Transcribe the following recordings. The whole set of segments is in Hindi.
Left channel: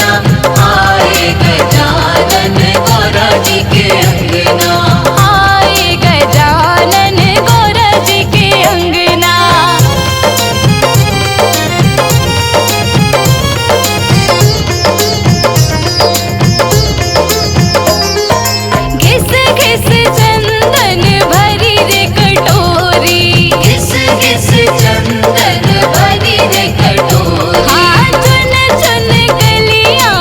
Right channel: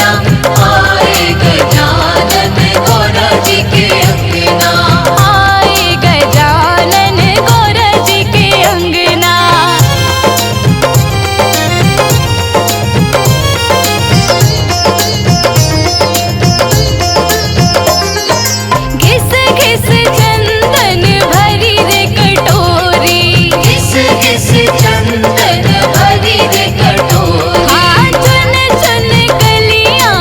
अंगना, आए गजानन गौरा जी के अंगना, आए गजानन गौरा जी के अंगना। घिस घिस चंदन भरी रे कटोरी, घिस घिस चंदन भरी रे कटोरी, हाँ चुन चुन कलियां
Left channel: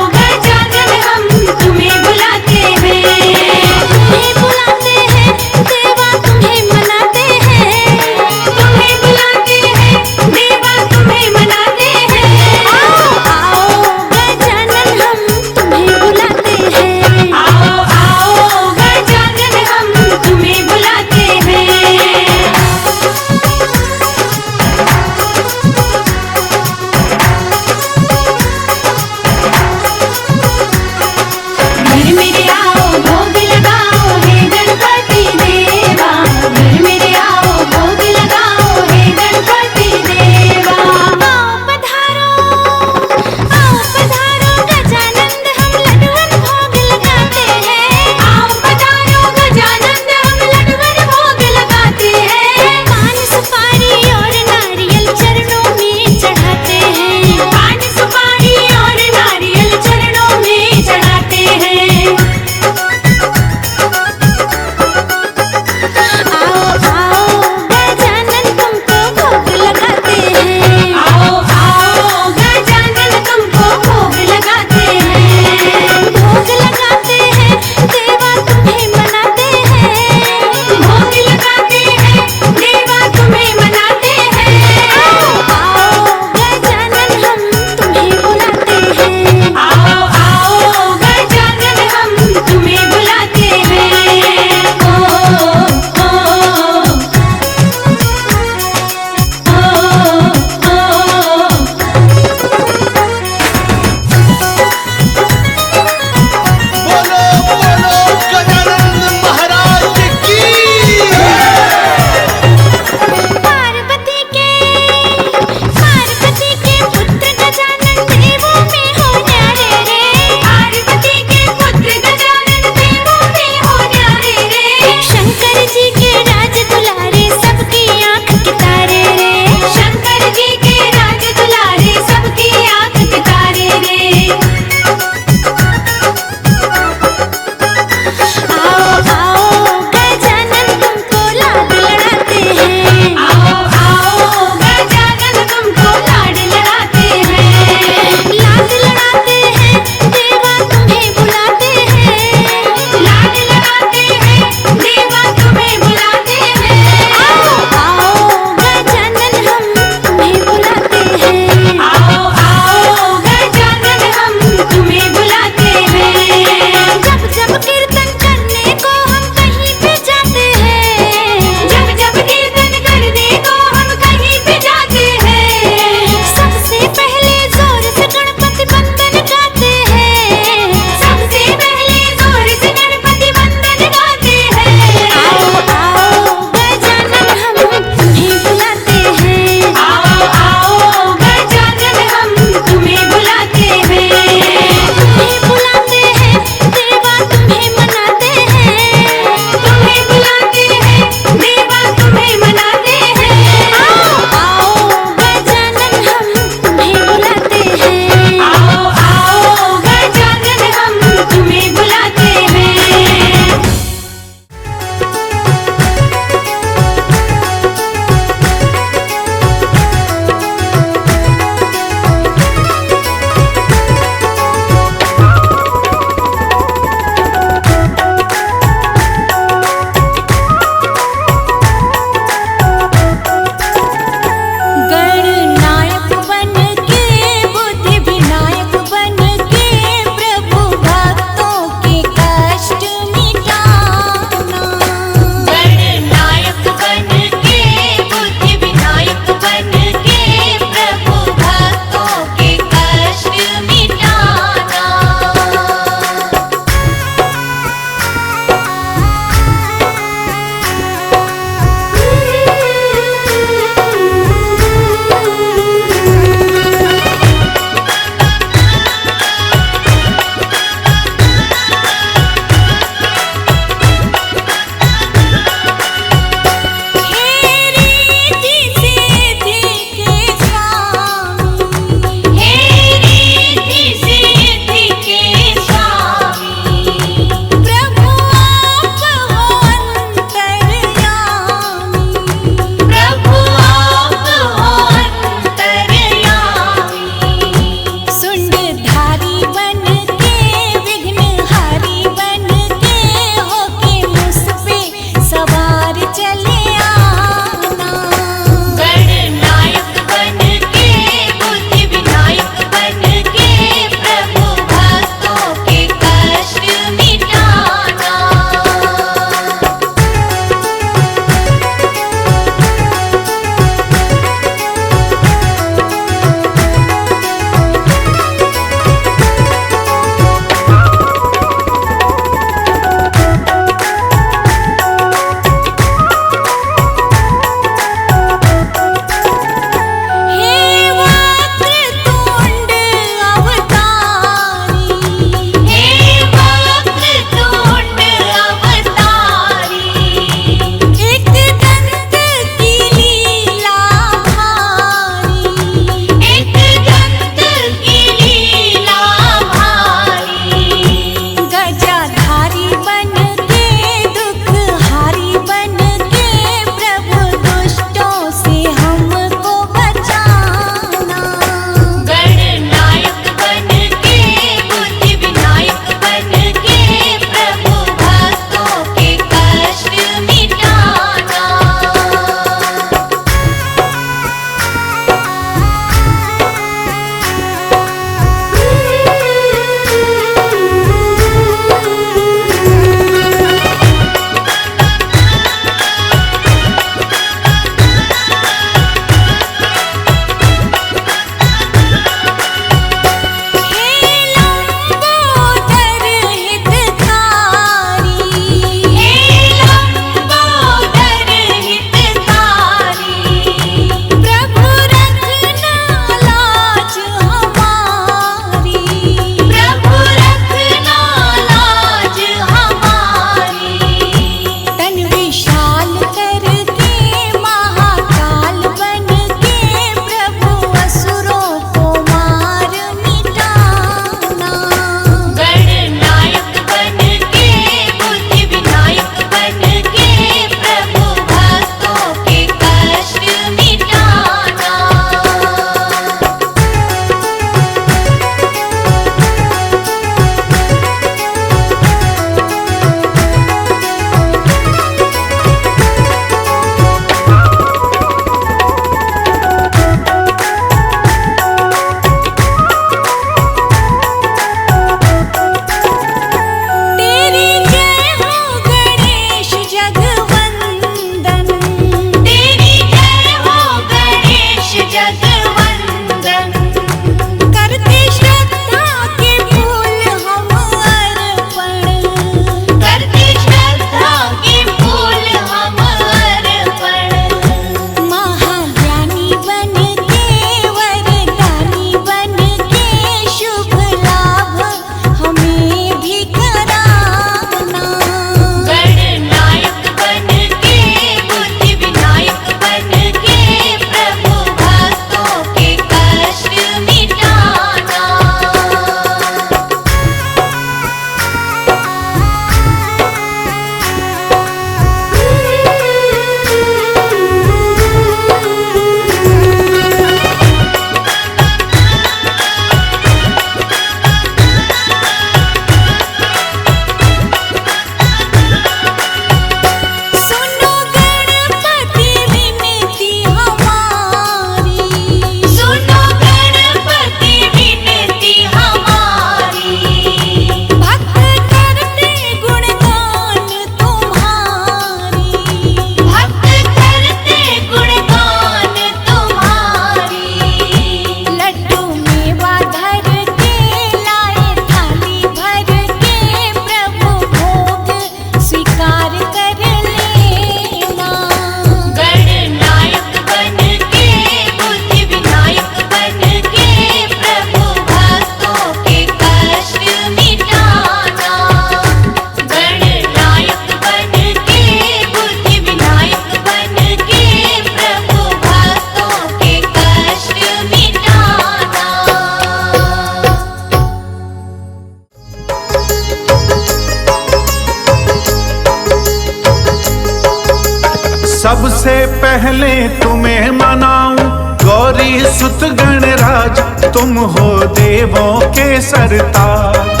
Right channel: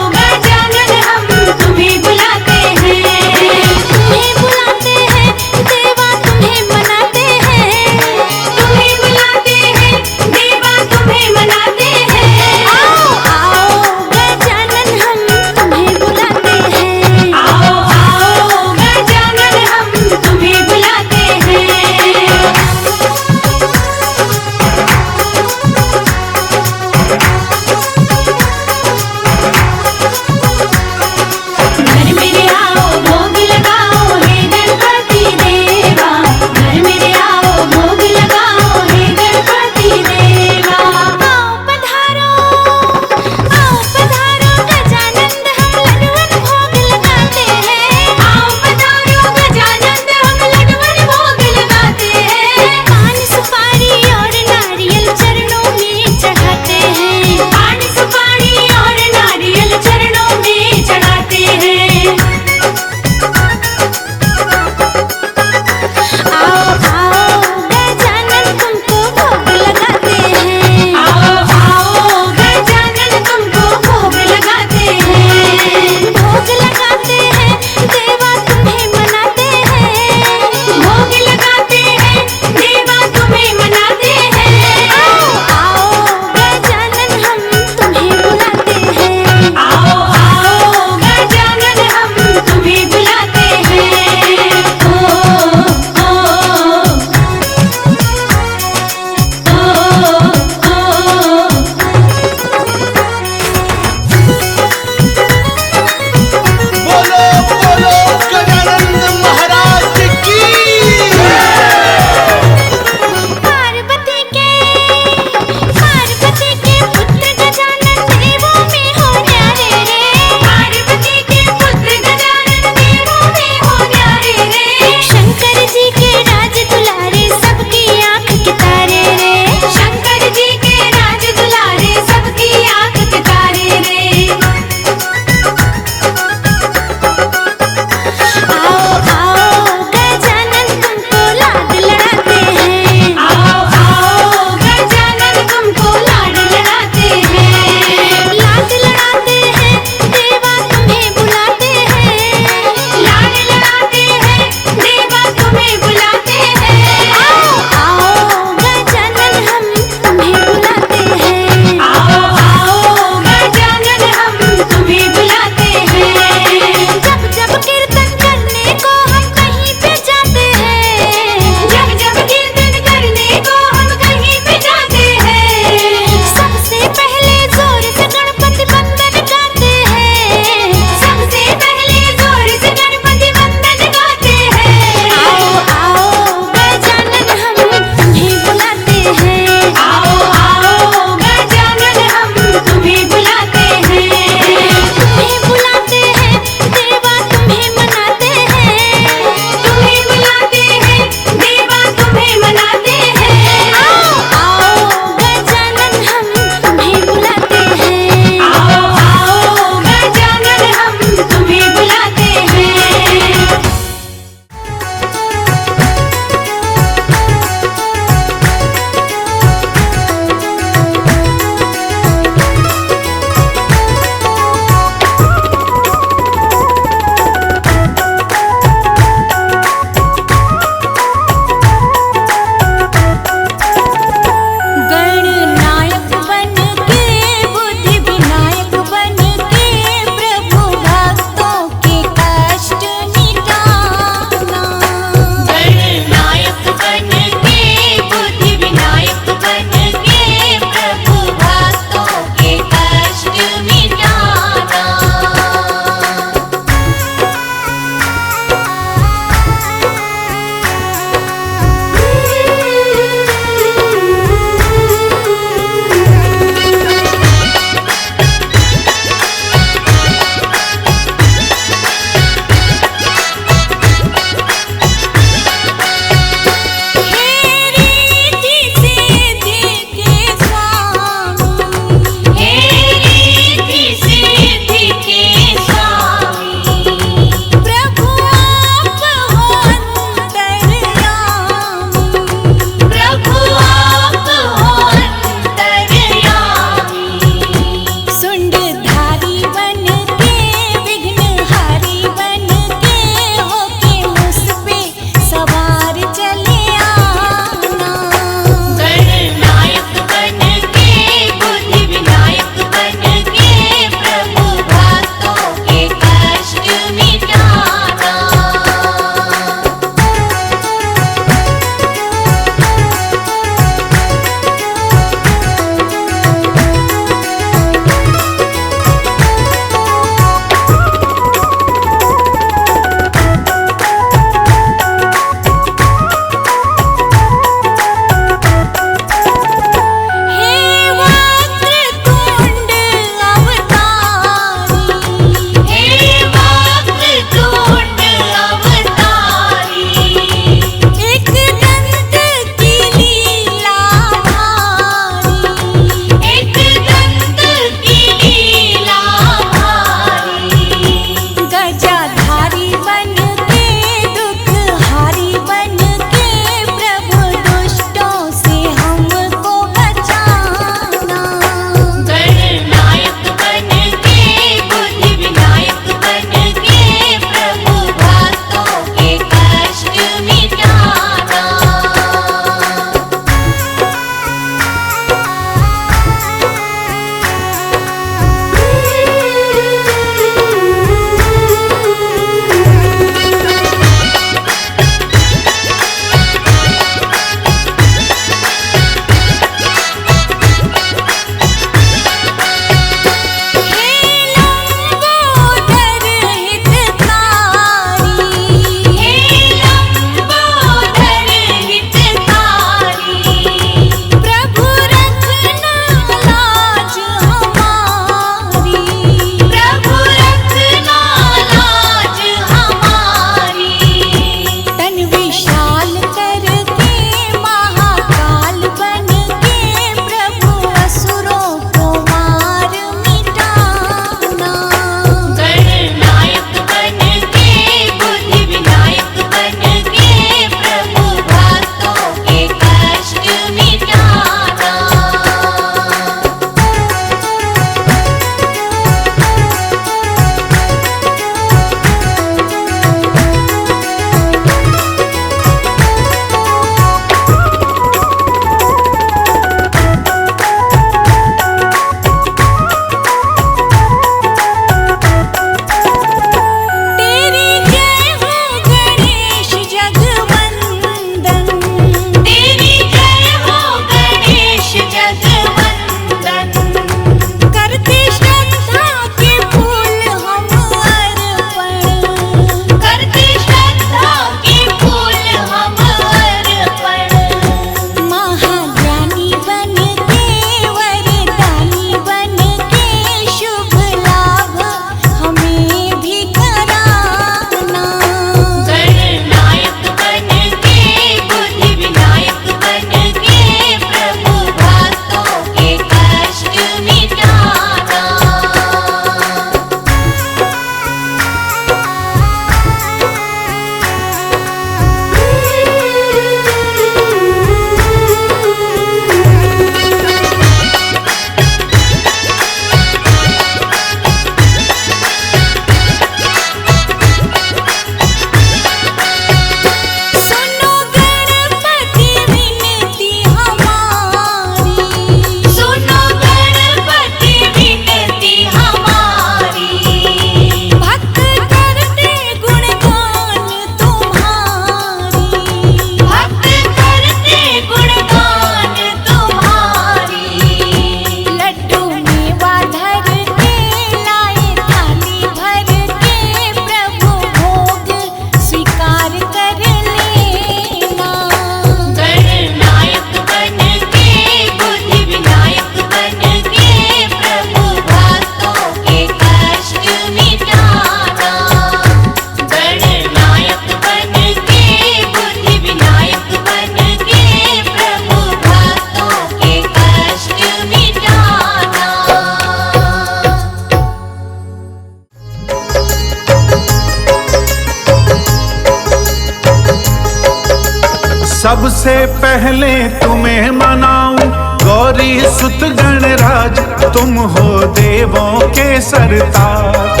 सबसे पहले तुम्हें मनाऊं गौरी सुत गणराज, तुम हो देवों के सरताज।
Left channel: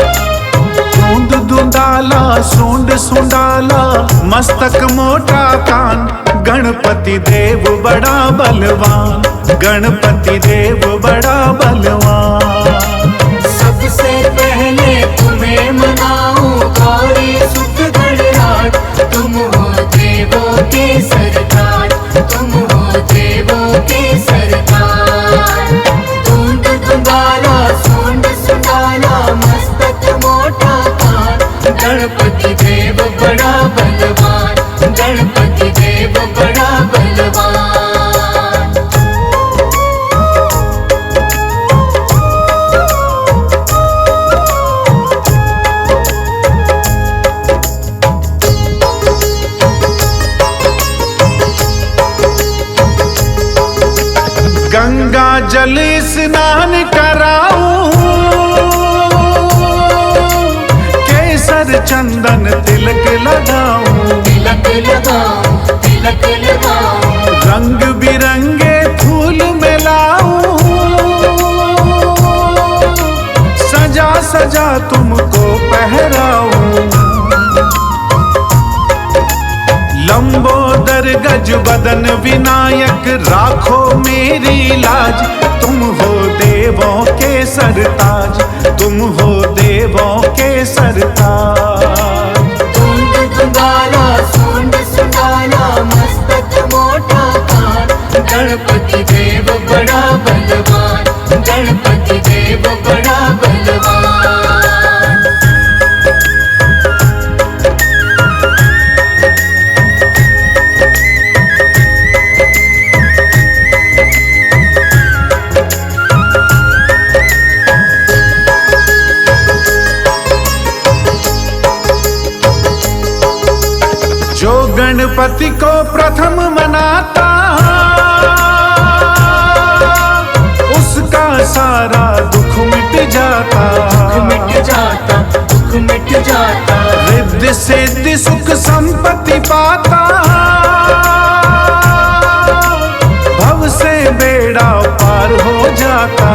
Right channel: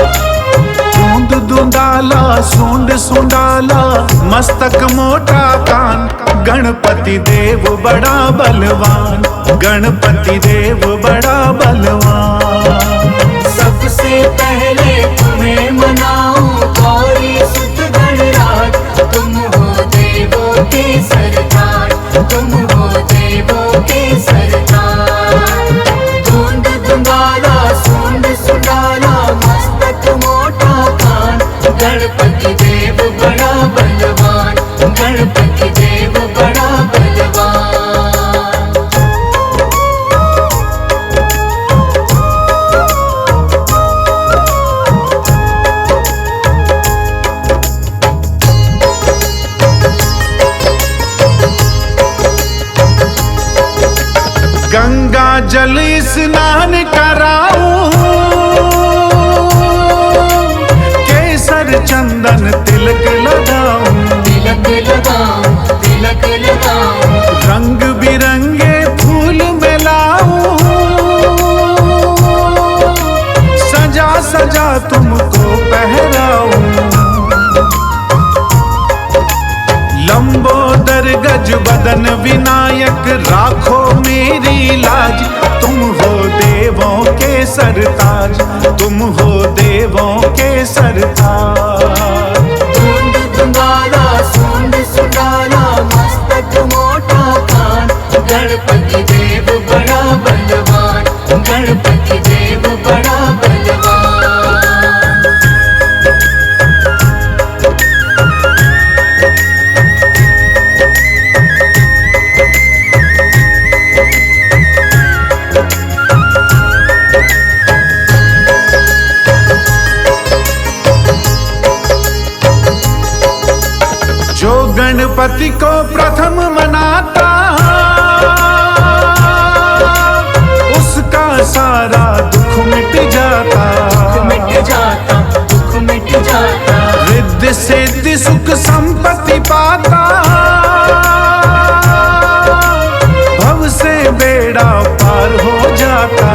दूंद दुंदाला सूंड सुंडाला मस्तक मोटा कान, गणपति देव बड़ा बलवान, गणपति देव बड़ा बलवान। सबसे पहले तुम्हें मनाऊं गौरी सुत गणराज, तुम हो देवों के सरदार, तुम हो देवों के सरदार। दूंद दुंदाला सूंड सुंडाला मस्तक मोटा कान, गणपति देव बड़ा बलवान, गणपति देव बड़ा बलवान। गंगा जल स्नान कराऊं, केसर चंदन तिलक लगाऊं, तिलक लगाऊं, तिलक लगाऊं। रंग बिरंगे फूल मिलाऊं, सजा सजा तुमको पहराऊं। लंबोदर गज बदन विनायक राखो मेरी लाज, तुम हो देवों के सरताज, तुम हो देवों के सरताज। दूंद दुंदाला सूंड सुंडाला मस्तक मोटा कान, गणपति देव बड़ा बलवान, गणपति देव बड़ा बलवान। जो गणपति को प्रथम मनाता, उसका सारा दुख मिट जाता, मिट जाता, दुख मिट जाता। रिद्धि सिद्धि सुख संपत्ति पाता, भव से बेड़ा पार हो जाता।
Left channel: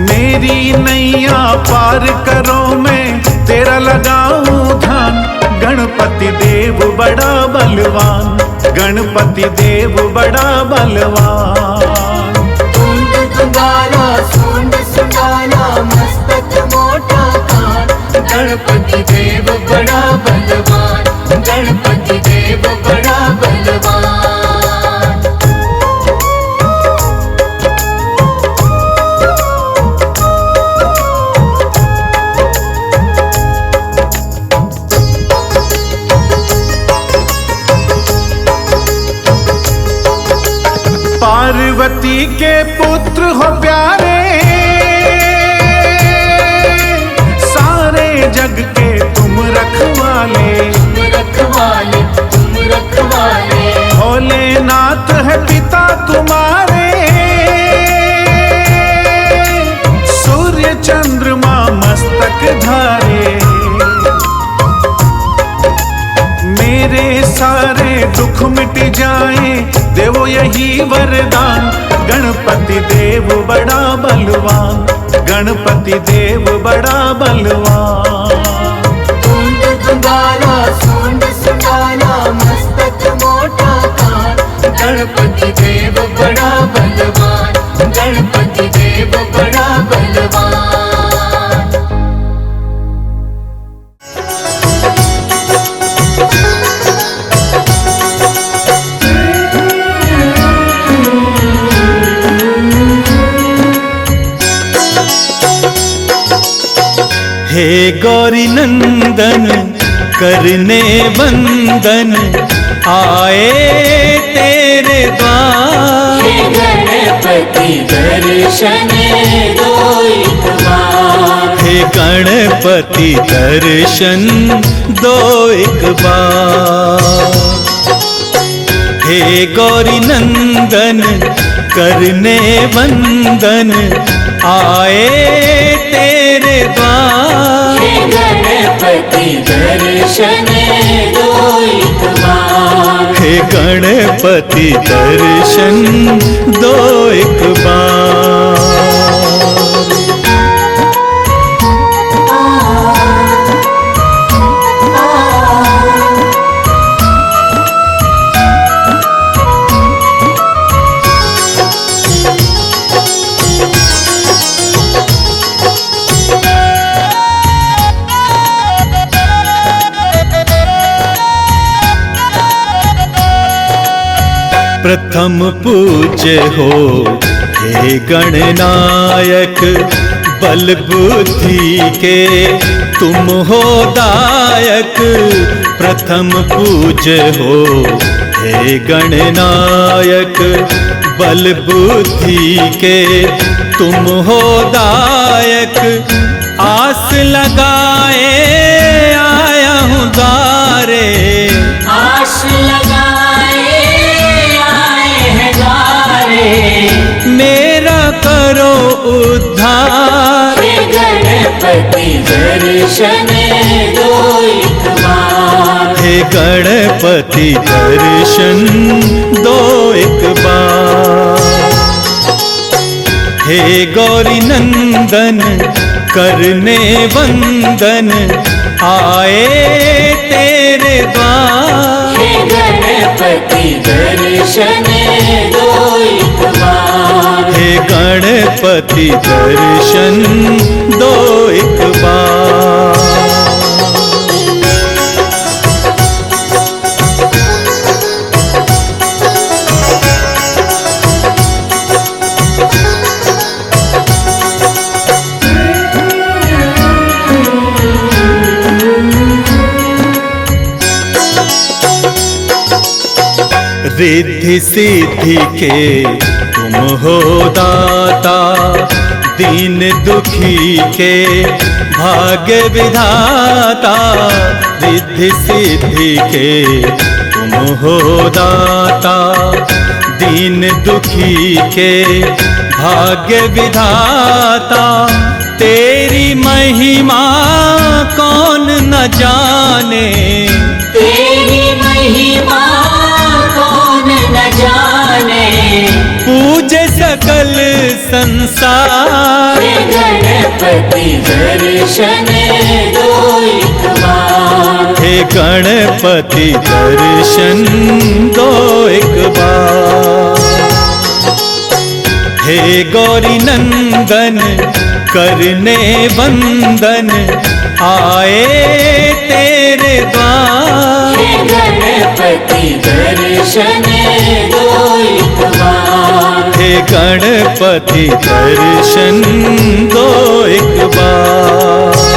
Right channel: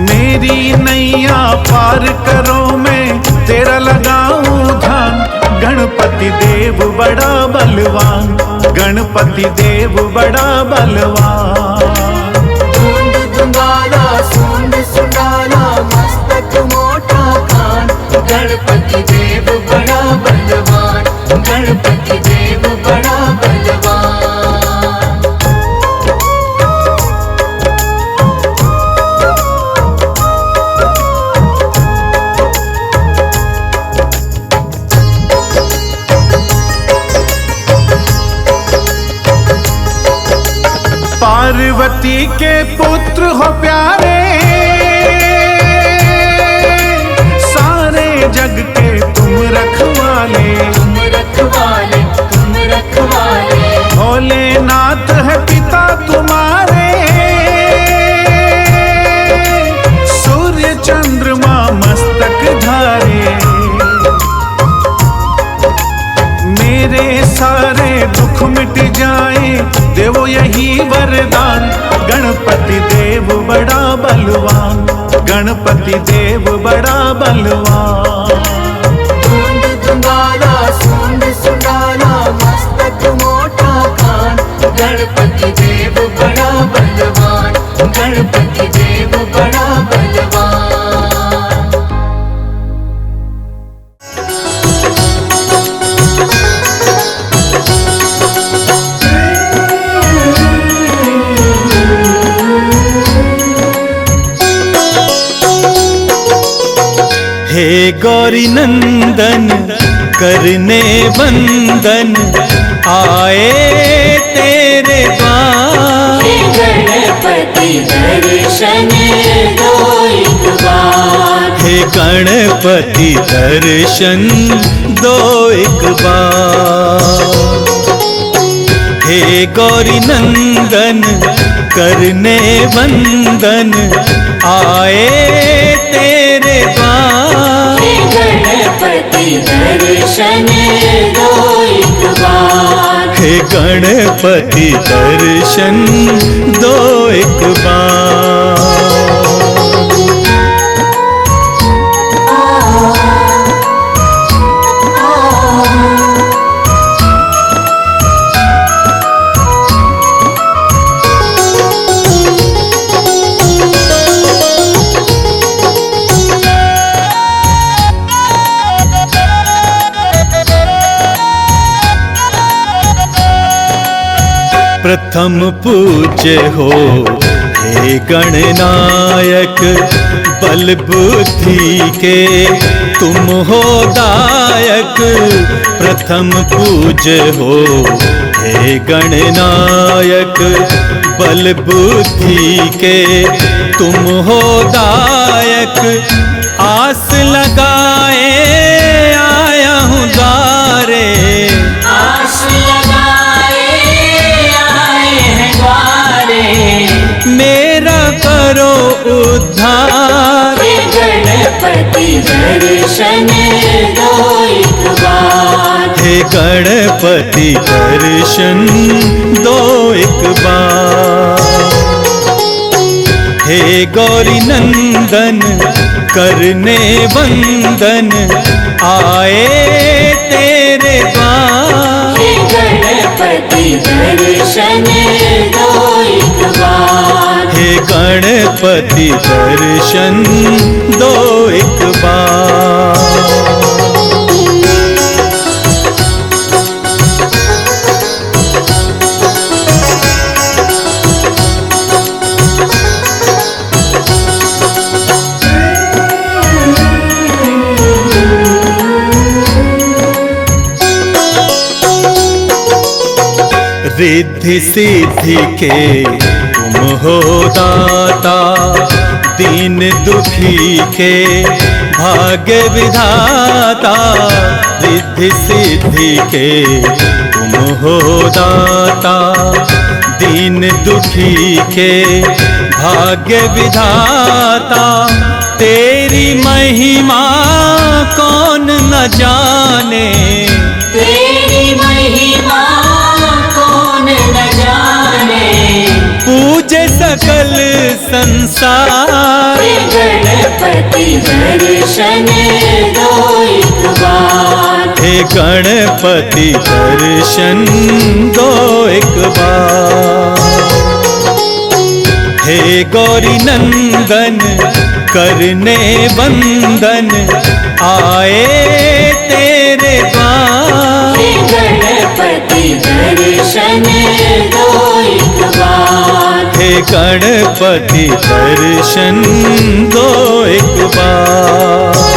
मेरी नैया पार करो मैं तेरा लगाऊं ध्यान, गणपति देव बड़ा बलवान, गणपति देव बड़ा बलवान। दूंद दुंदाला सूंड सुंडाला मस्तक मोटा कान, गणपति देव बड़ा बलवान, गणपति देव बड़ा बलवान। पार्वती के पुत्र हो प्यारे, सारे जग के तुम रखवाले, तुम रखवाले, तुम रखवाले। भोलेनाथ है पिता तुम्हारे, सूर्य चंद्रमा मस्तक धारे। मेरे सारे दुख मिट जाए देवो यही वरदान, गणपति देव बड़ा बलवान, गणपति देव बड़ा बलवान। दूंद दुंदाला सूंड सुंडाला मस्तक मोटा कान, गणपति देव बड़ा बलवान, गणपति देव बड़ा बलवान। हे गौरी नंदन करने वंदन, आए तेरे द्वार। हे गणपति दर्शन दो एक बार, हे गणपति दर्शन दो एक बार। हे गौरी नंदन करने वंदन, आए तेरे द्वार। हे गणपति दर्शन दो एक बार। हे गणपति दर्शन दो एक बार। प्रथम पूज्य हो हे गणनायक, बल बुद्धि के तुम हो दायक। प्रथम पूज्य हो हे गणनायक, बल बुद्धि के तुम हो दायक। आस लगाए आया हूँ द्वारे, आस लगाए आए हैं द्वारे। मेरा करो उद्धार। हे गणपति दर्शन दो एक बार। हे गणपति दर्शन दो एक बार। हे गौरी नंदन करने वंदन, आए तेरे द्वार। हे गणपति दर्शन दो एक बार। हे गणपति दर्शन दो एक बार। रिद्धि सिद्धि के तुम हो दाता, दीन दुखी के भाग्य विधाता। रिद्धि सिद्धि के तुम हो दाता, दीन दुखी के भाग्य विधाता। तेरी महिमा कौन न जाने, तेरी महिमा कौन न जाने। पूजे सकल संसार। हे गणपति दर्शन दो एक बार। हे गणपति दर्शन दो एक बार। हे गौरी नंदन करने वंदन, आए तेरे द्वार। हे गणपति दर्शन दो एक बार। हे गणपति दर्शन दो एक बार।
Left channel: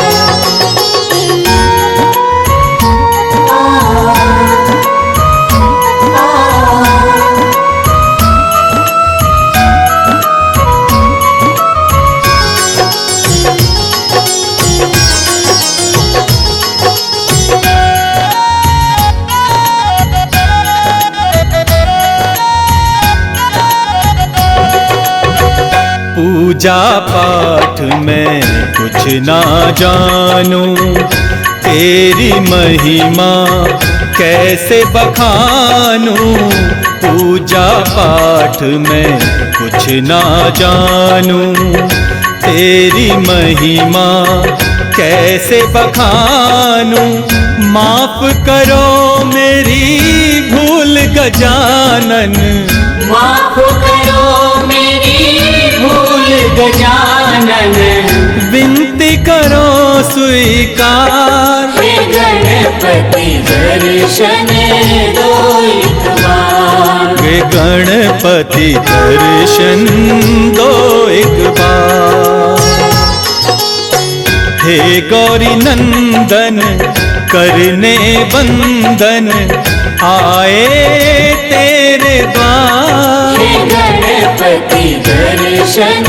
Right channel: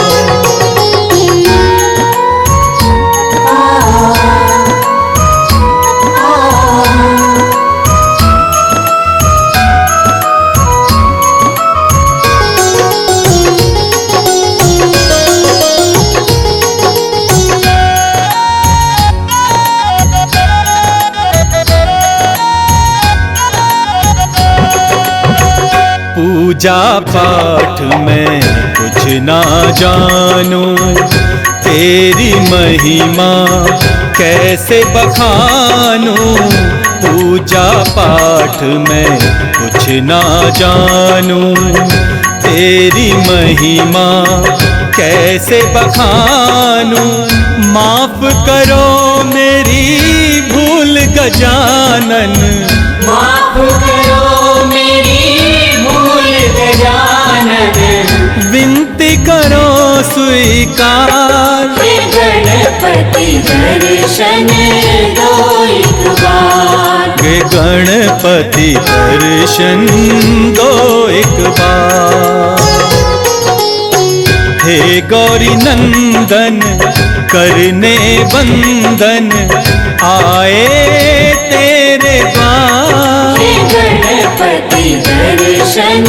पूजा पाठ में कुछ ना जानूं, तेरी महिमा कैसे बखानूं। पूजा पाठ में कुछ ना जानूं, तेरी महिमा कैसे बखानूं। माफ करो मेरी भूल गजानन, माफ करो मेरी भूल गजानन। विनती करो स्वीकार। हे गणपति दर्शन दो एक बार। हे गणपति दर्शन दो एक बार। हे गौरी नंदन करने वंदन, आए तेरे द्वार। हे गणपति दर्शन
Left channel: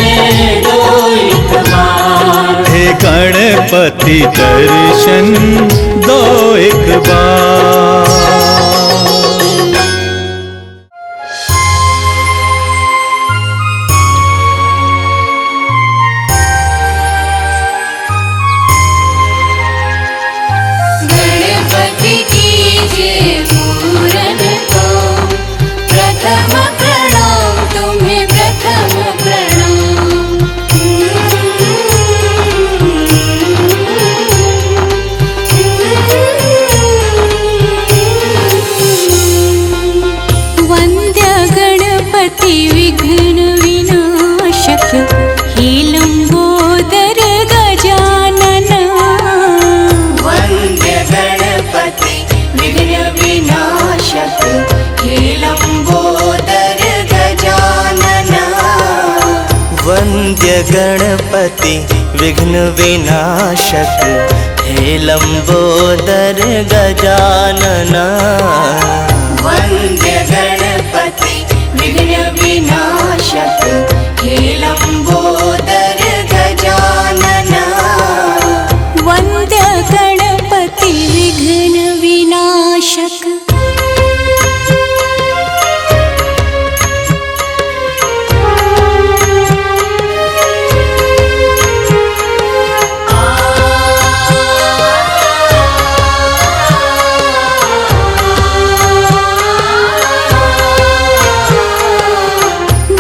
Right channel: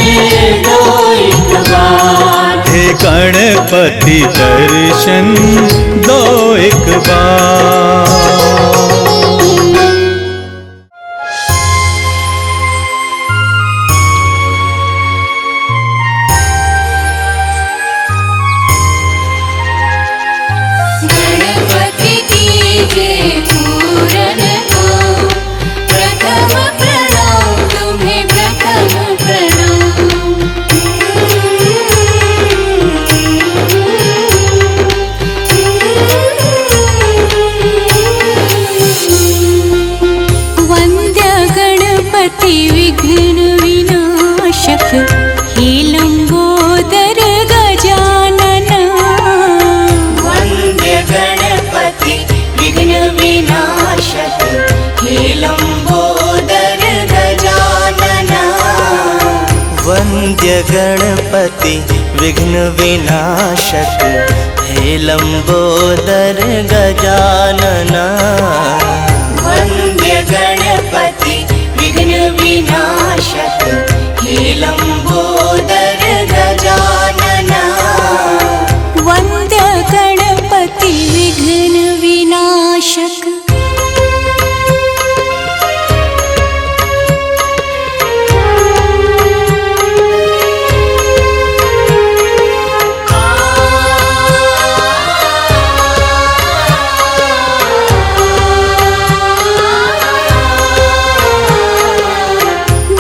दो एक बार। हे गणपति दर्शन दो एक बार। गणपति की गणपति विघ्न विनाशक हे लंबोदर गजानन। वंद्य गणपति विघ्न विनाशक हे लंबोदर गजानन। वंद्य गणपति विघ्न विनाशक हे लंबोदर गजानन। वंद्य गणपति विघ्न विनाशक हे लंबोदर गजानन। वंद्य गणपति विघ्न विनाशक।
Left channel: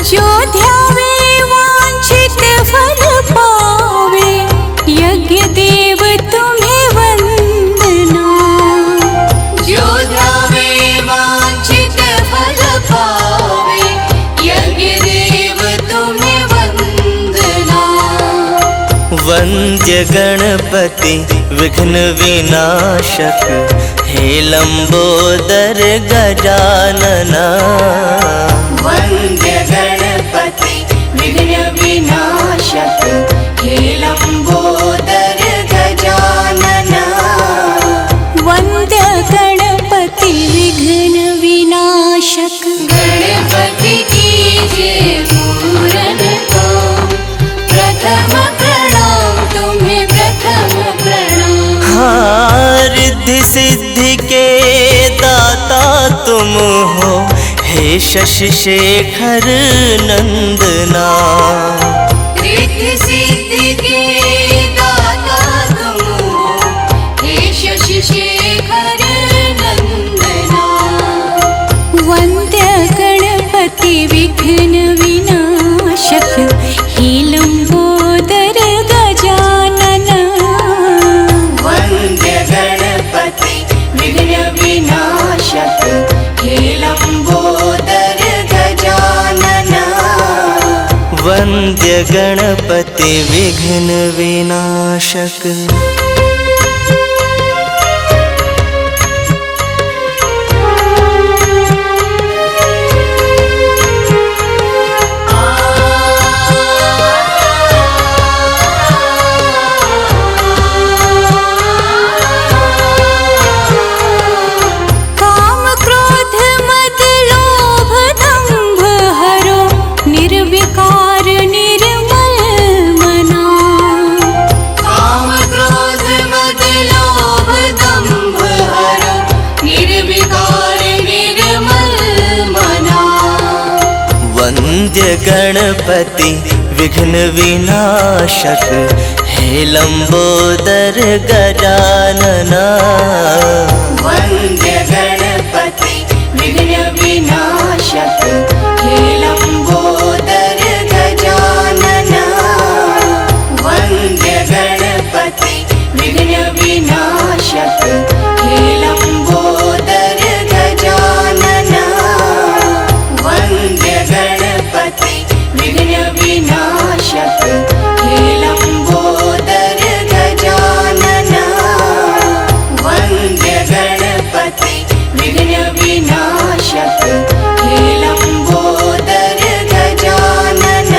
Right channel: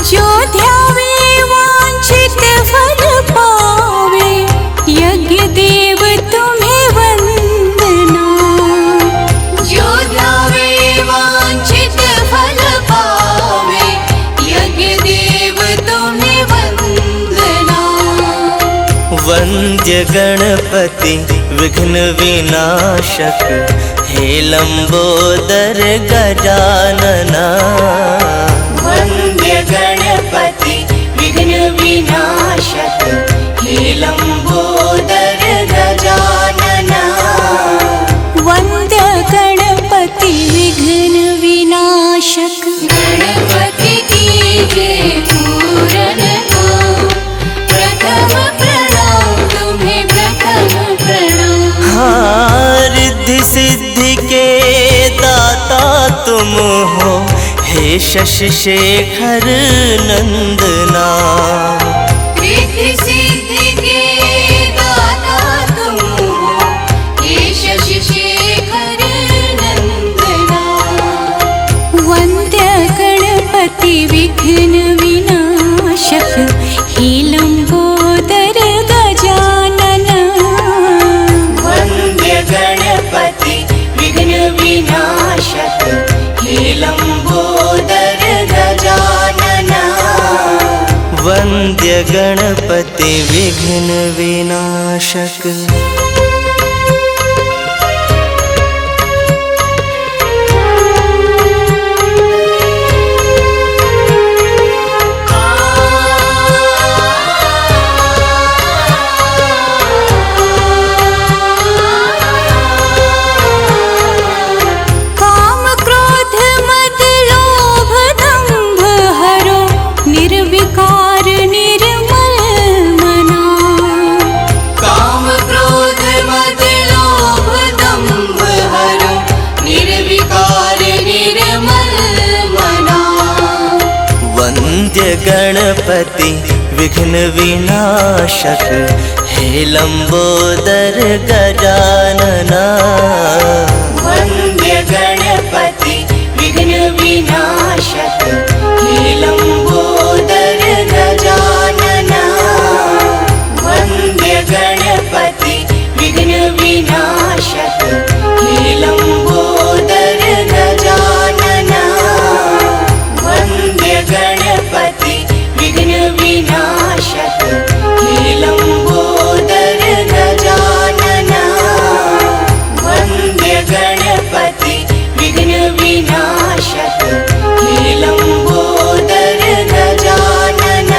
जो ध्यावे वांछित फल पावे, यज्ञ देव तुम्हें वंदना। जो ध्यावे वांछित फल पावे, यज्ञ देव तुम्हें वंदना। वंद्य गणपति विघ्न विनाशक हे लंबोदर गजानन। वंद्य गणपति विघ्न विनाशक हे लंबोदर गजानन। वंद्य गणपति विघ्न विनाशक। गणपति की जय पूरन को प्रथम प्रणाम तुम्हें, प्रथम प्रणाम। रिद्धि सिद्धि के दाता तुम हो हे शशि शेखर नंदना। रिद्धि सिद्धि के दाता तुम हो हे शशि शेखर नंदना। वंद्य गणपति विघ्न विनाशक हे लंबोदर गजानन। वंद्य गणपति विघ्न विनाशक हे लंबोदर गजानन। वंद्य गणपति विघ्न विनाशक। काम क्रोध मद लोभ दंभ हरो, निर्विकार निर्मल मना। काम क्रोध मद लोभ दंभ हरो, निर्विकार निर्मल मना। वंद्य गणपति विघ्न विनाशक हे लंबोदर गजानन। वंद्य गणपति विघ्न विनाशक हे लंबोदर गजानन। वंद्य गणपति विघ्न विनाशक हे लंबोदर गजानन। वंद्य गणपति विघ्न विनाशक हे लंबोदर गजानन। वंद्य गणपति विघ्न विनाशक हे लंबोदर गजानन।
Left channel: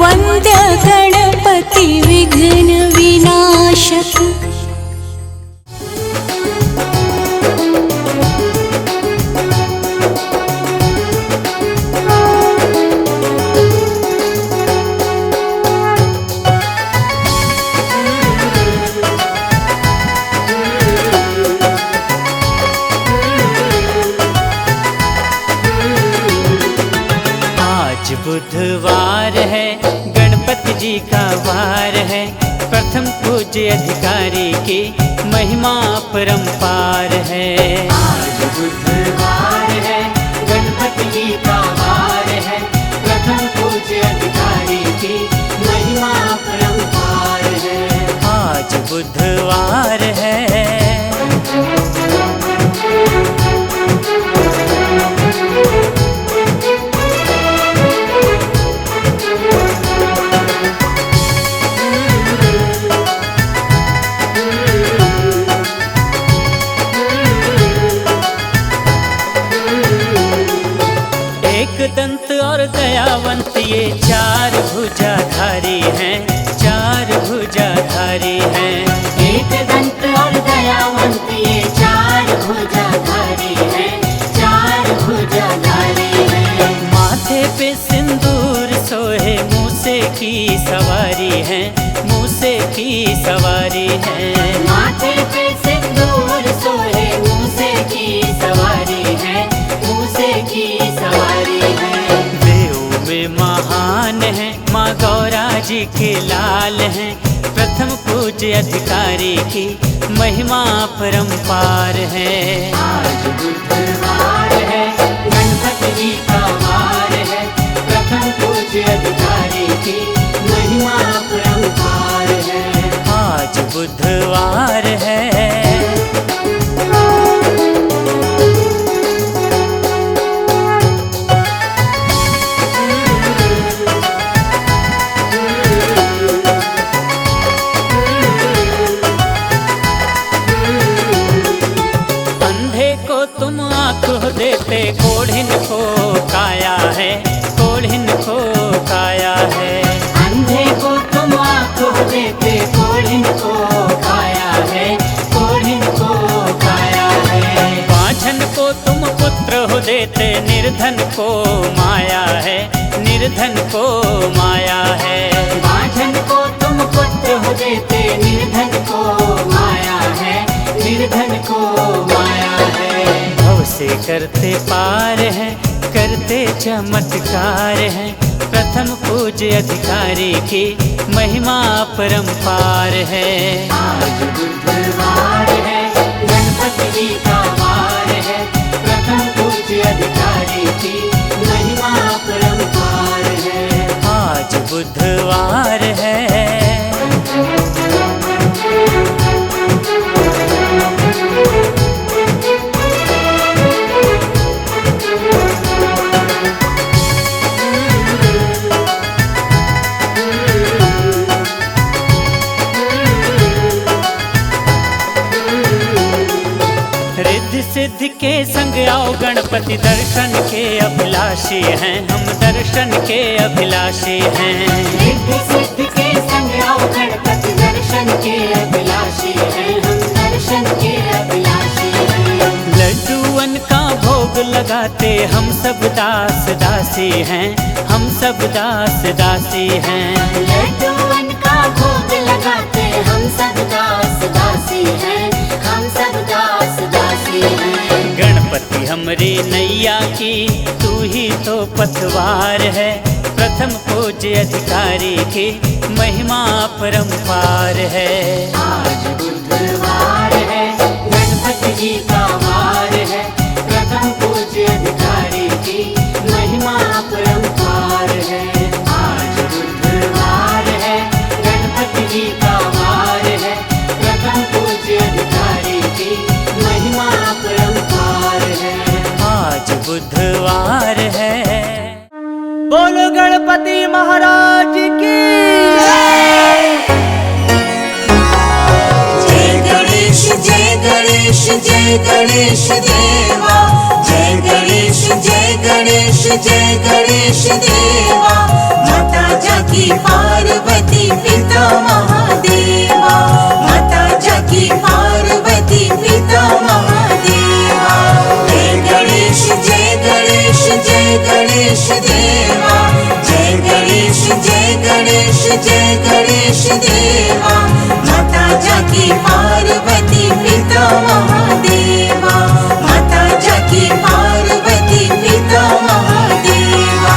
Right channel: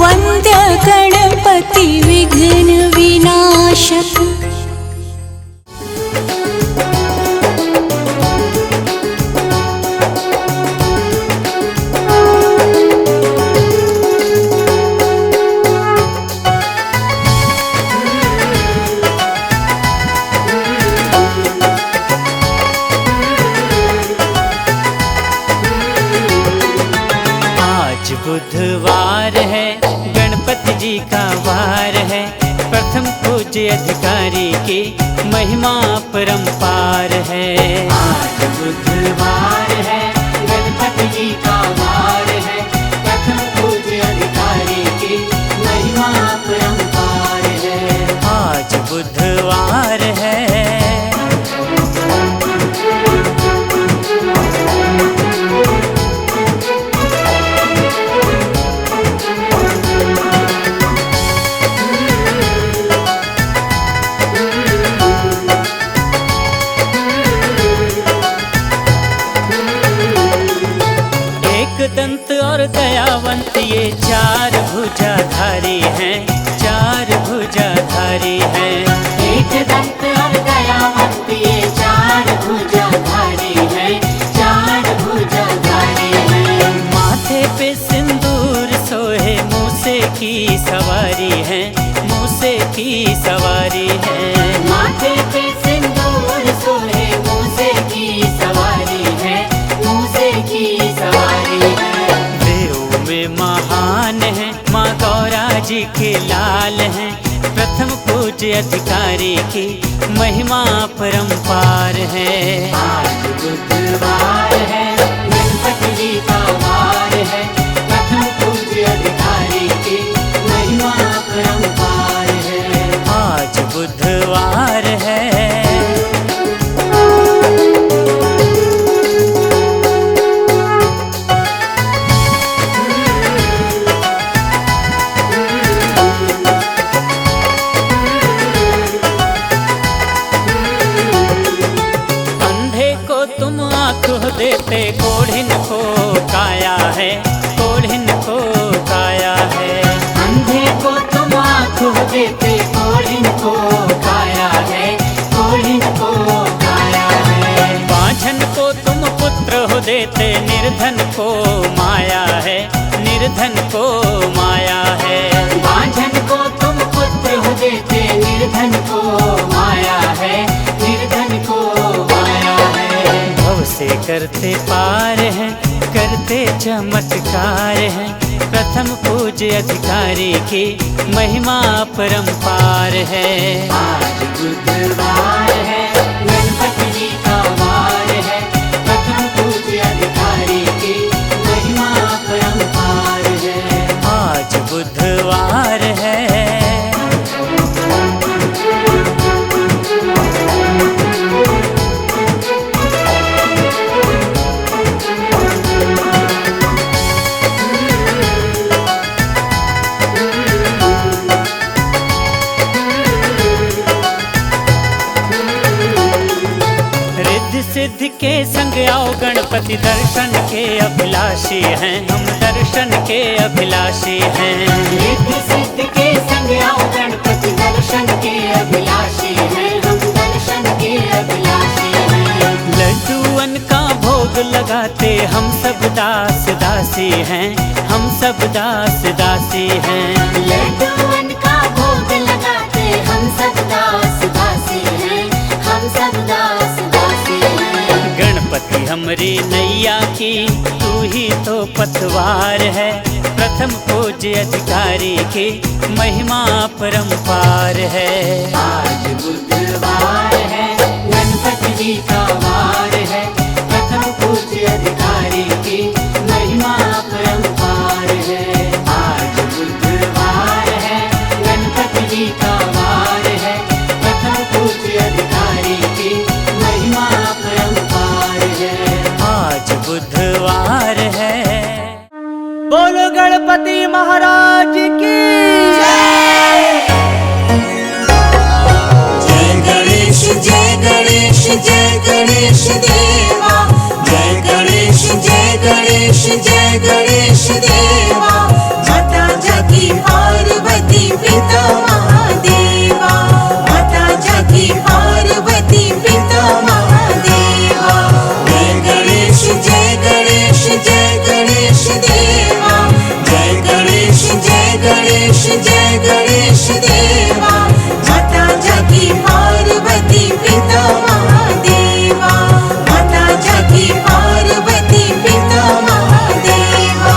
वंद्य गणपति विघ्न विनाशक। आज बुधवार है, गणपति जी का वार है। प्रथम पूज्य अधिकारी की महिमा परंपार है। आज बुधवार है, गणपति जी का वार है। प्रथम पूज्य अधिकारी की महिमा परंपार है। आज बुधवार है। एक दंत और दयावंत ये चार भुजाधारी हैं, चार भुजाधारी हैं। एक दंत और दयावंत ये चार भुजाधारी हैं, चार भुजाधारी हैं। माथे पे सिंदूर सोहे, मूसे की सवारी है, मूसे की सवारी है। माथे पे सिंदूर सोहे, मूसे की सवारी है, मूसे की सवारी है। देव में महान है, माँ गौरा जी के लाल हैं। प्रथम पूज्य अधिकारी की महिमा परंपार है। आज बुधवार है, गणपति जी का वार है। प्रथम पूज्य अधिकारी की महिमा परंपार है। आज बुधवार है। तुम आँख देते, कोढ़िन को काया है, कोढ़िन को काया है। अंधे को तुम आँख देते, कोढ़िन को काया है, कोढ़िन को काया है। बाझन को तुम पुत्र हो देते, निर्धन को माया है, निर्धन को माया है। बाझन को तुम पुत्र हो देते, निर्धन को माया है, निर्धन को माया है। भव से करते पार हैं, करते चमत्कार हैं। प्रथम पूज्य अधिकारी की महिमा परंपार है। आज बुधवार है, गणपति जी का वार है। प्रथम पूज्य अधिकारी की महिमा परंपार है। आज बुधवार है। रिद्धि सिद्धि के संग आओ, गणपति दर्शन के अभिलाषी हैं, हम दर्शन के अभिलाषी हैं। रिद्धि सिद्धि के संग आओ, गणपति दर्शन के अभिलाषी हैं, हम दर्शन के अभिलाषी हैं। लड्डूअन का भोग लगाते, हम सब दास दासी हैं, हम सब दास दासी हैं। लड्डूअन का भोग लगाते, हम सब दास दासी हैं, हम सब दास दासी हैं। गणपति हमरी नैया की तू ही तो पतवार है। प्रथम पूज्य अधिकारी की महिमा परंपार है। आज बुधवार है, गणपति जी का वार है। प्रथम पूज्य अधिकारी की महिमा परंपार है। आज बुधवार है, गणपति जी का वार है। प्रथम पूज्य अधिकारी की महिमा परंपार है। आज बुधवार है। बोलो गणपति महाराज की। जय गणेश जय गणेश जय गणेश देवा, जय गणेश जय गणेश जय गणेश देवा। माता जाकी पार्वती पिता महादेवा, माता जाकी पार्वती पिता महादेवा। जय गणेश जय गणेश जय गणेश देवा, जय गणेश जय गणेश जय गणेश देवा। माता जाकी पार्वती पिता महादेवा, माता जाकी पार्वती पिता महादेवा।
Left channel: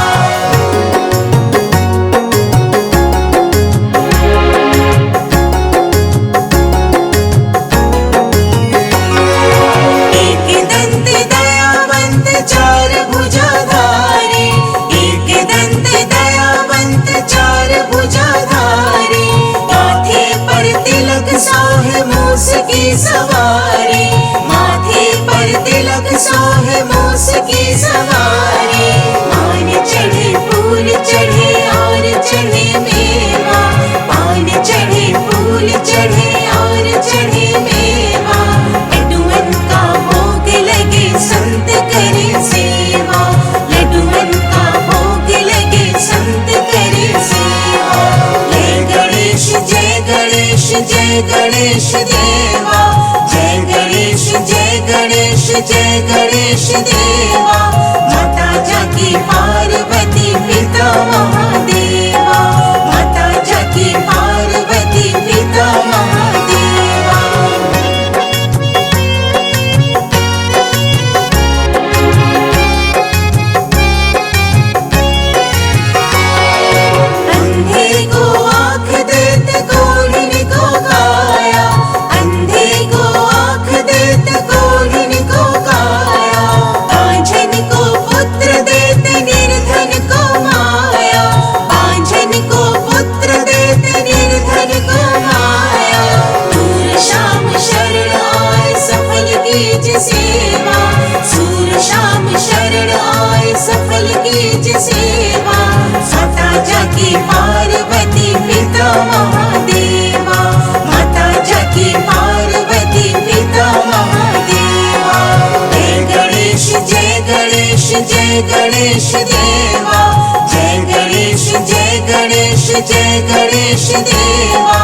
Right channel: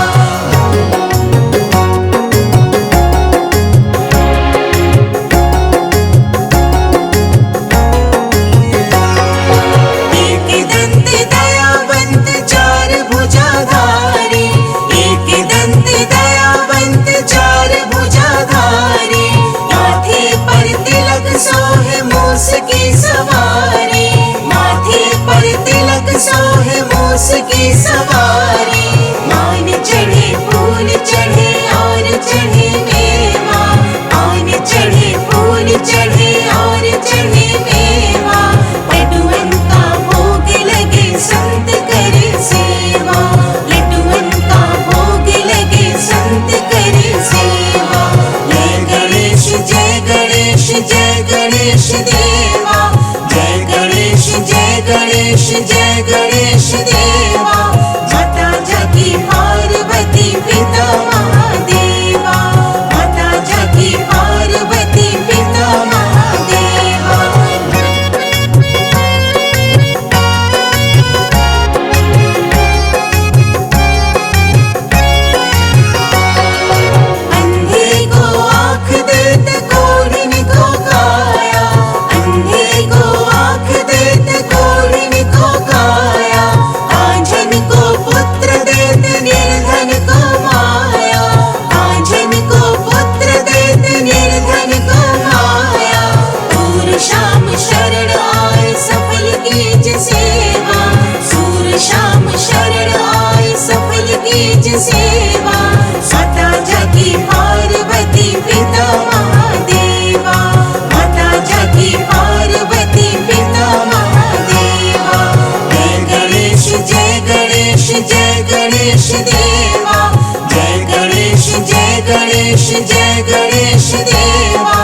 गणेश देवा माता जाकी पार्वती पिता महादेवा माता जाकी पार्वती पिता महादेवा अंधे को आँख देते कोढ़िन को काया अंधे को आँख देते कोढ़िन को काया आंजन को पुत्र देते निर्धन को माया आंजन को पुत्र देते निर्धन को माया सूर शाम शरण आए सफल कीज सेवा सूर शाम शरण आए सफल कीज सेवा माता जाकी पार्वती पिता महादेवा माता जाकी पार्वती पिता महादेवा जय गणेश जय गणेश जय गणेश देवा जय गणेश जय गणेश जय गणेश देवा